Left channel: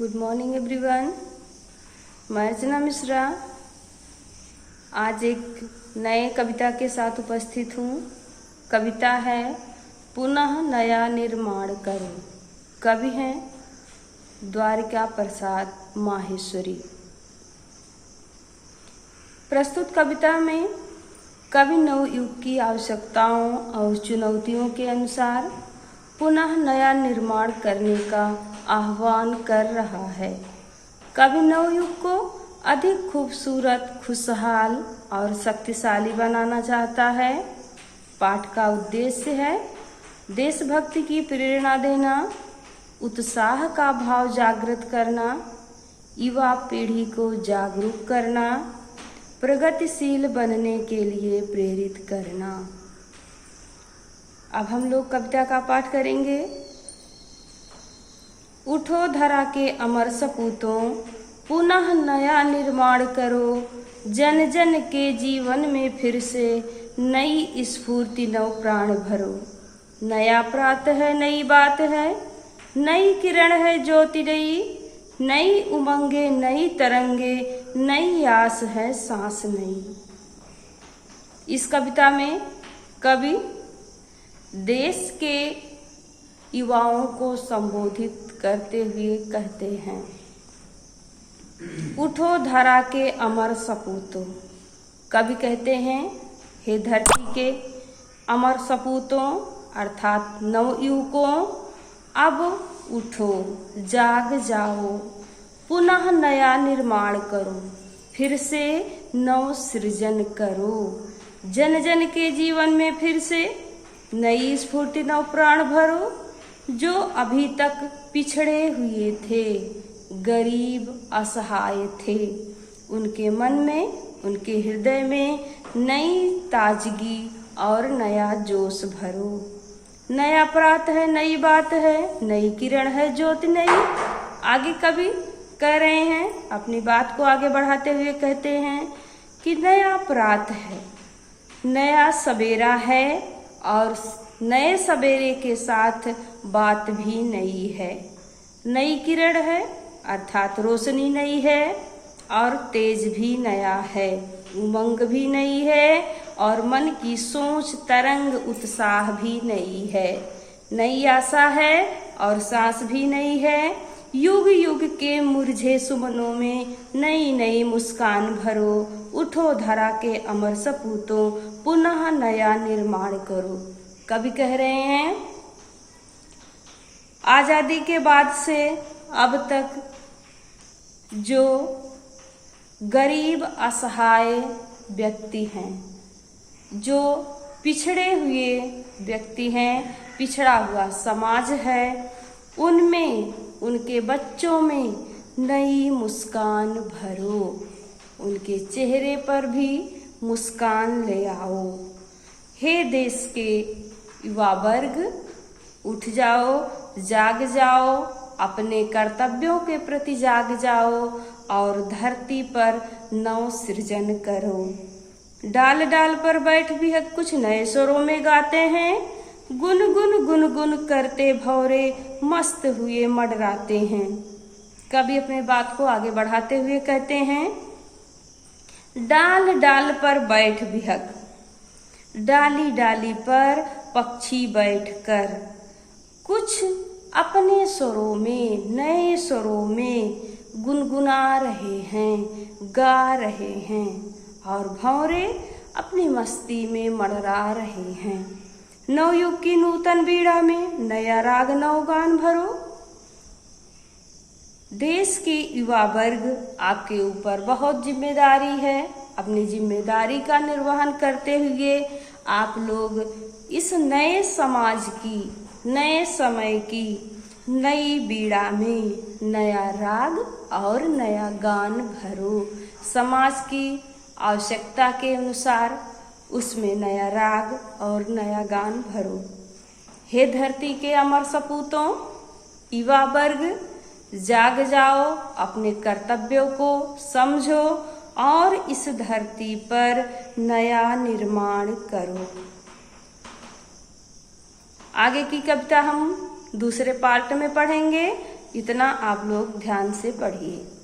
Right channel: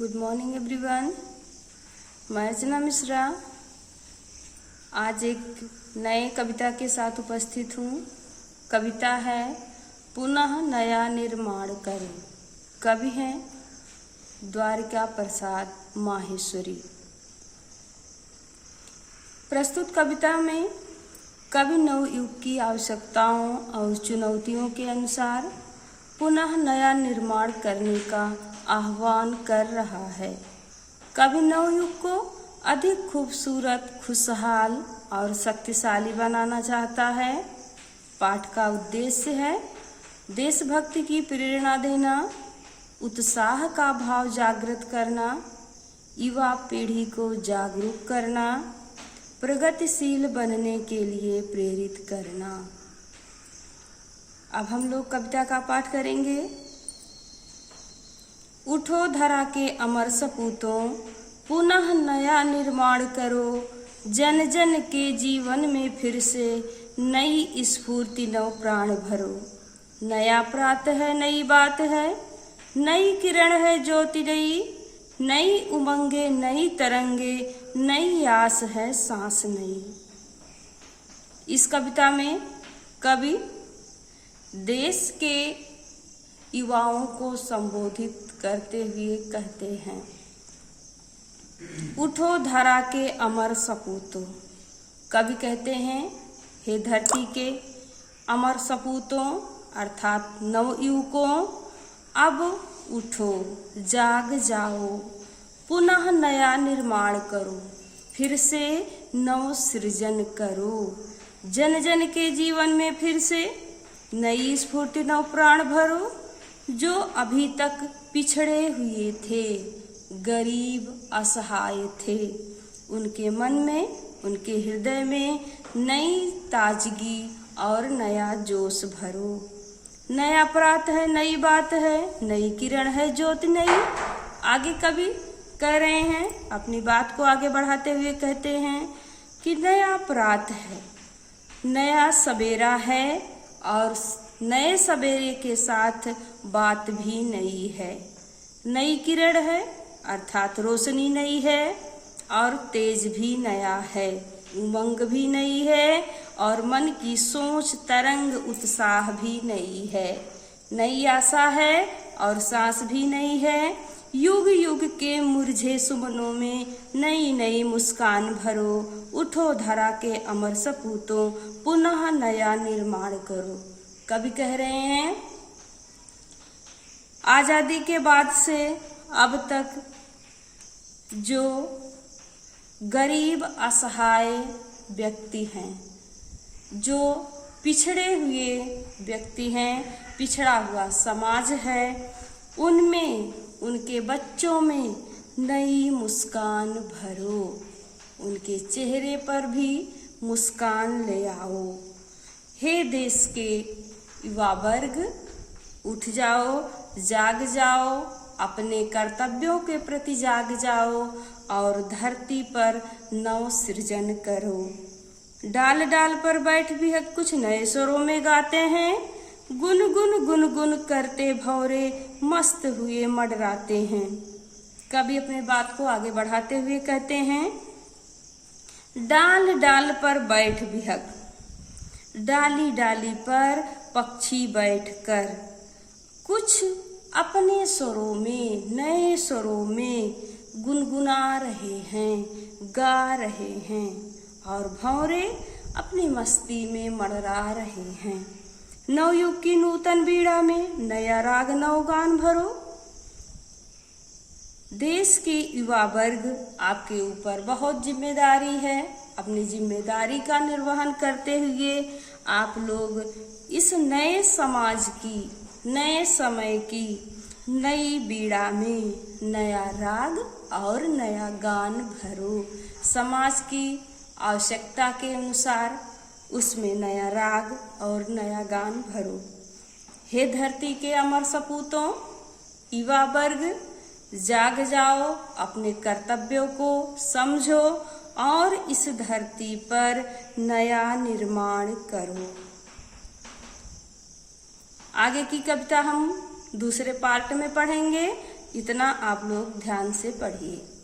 Good morning everyone. मैं अर्चना मिश्रा आज एक नए कविता के साथ उपस्थित हूँ। कविता है पुनः नया निर्माण करो। कवि हैं द्वारिका प्रसाद माहेश्वरी। प्रस्तुत कविता में कवि नवयुग की आवश्यकताओं और चुनौतियों के अनुसार पुनः नया निर्माण करने का आह्वान कर रहा है। कवि नवयुग को अधिक खूबसूरत, खुशहाल और शक्तिशाली बनाना चाहता है। पाठ का उद्देश्य है देशभक्ति की प्रेरणा देना, उत्साह का भाव जागृत करना, युवा पीढ़ी को जागरूक करना, प्रगतिशील बनने के लिए प्रेरित करना। अब हम लोग कविता का पाठ करेंगे। उठो धरा के अमर सपूतों, पुनः नया निर्माण करो। जन जन के जीवन में फिर से नई स्फूर्ति, नव प्राण भरो। नया प्रातः है, नई बात है, नई किरण है ज्योति नई। नई उमंगे, नई तरंगे, नई आस है सांस नई। इस कविता में कवि देश के युवाओं को संबोधित करते हुए कहते हैं, उठो धरा के अमर सपूतों। कवि कहते हैं, हे धरती के अमर सपूतों अर्थात नवयुवकों, अब उठो, जाग जाओ, पुनः नया निर्माण करो, फिर से नव सृजन करो। जन जन के जीवन में फिर से नई स्फूर्ति, नव प्राण भरो। जो अभी तक पिछड़े हुए थे, गरीब असहाय थे, उनके मन में, उनके हृदय में नई ताजगी और नया जोश भरो। नया प्रातः है, नई बात है, नई किरण है ज्योति नई। आगे कवि कह रहे हैं, अपनी बात को आगे बढ़ाते हुए कहते हैं कि नया प्रातः है, नया सवेरा है और नए सवेरे के साथ बात भी नई है। नई किरण है अर्थात रोशनी नई है और तेज भी नया है, उमंग भी नई है और मन की सोच, तरंग, उत्साह भी नई है। नई आशा है और सांस भी नई है। युग युग के मुरझे सुमनों में नई नई मुस्कान भरो। उठो धरा के अमर सपूतों, पुनः नया निर्माण करो। कवि कह रहे हैं, आजादी के बाद से अब तक जो गरीब असहाय व्यक्ति हैं, जो पिछड़े हुए व्यक्ति हैं, पिछड़ा हुआ समाज है, उनमें, उनके बच्चों में नई मुस्कान भरो। उनके चेहरे पर भी मुस्कान ले आओ। हे देश के युवा वर्ग, उठ जाओ, जाग जाओ, अपने कर्तव्यों के प्रति जाग जाओ और धरती पर नव सृजन करो। डाल डाल पर बैठ भी कुछ नए स्वरों में गाते हैं। गुन गुन गुन गुन करते भौरे मस्त हुए मडराते हैं। कवि अपने बात को आगे बढ़ाते हुए कहते हैं, डाल डाल पर बैठ बिहक, डाली डाली पर पक्षी बैठकर कुछ अपने स्वरों में, नए स्वरों में गुनगुना रहे हैं, गा रहे हैं और भंवरे अपनी मस्ती में मड़रा रहे हैं। नवयुग की नूतन बीड़ा में नया राग, नव गान भरो। देश के युवा वर्ग, आपके ऊपर बहुत जिम्मेदारी है। अपनी जिम्मेदारी का निर्वहन करते हुए आप लोग इस नए समाज की, नए समय की नई बीड़ा में नया राग और नया गान भरो। समाज की आवश्यकता के अनुसार उसमें नया राग और नया गान भरो। हे धरती के अमर सपूतों, युवा वर्ग, जाग जाओ, अपने कर्तव्यों को समझो और इस धरती पर नया निर्माण करो। आगे की कविता हम दूसरे पार्ट में पढ़ेंगे। इतना आप लोग ध्यान से पढ़िए।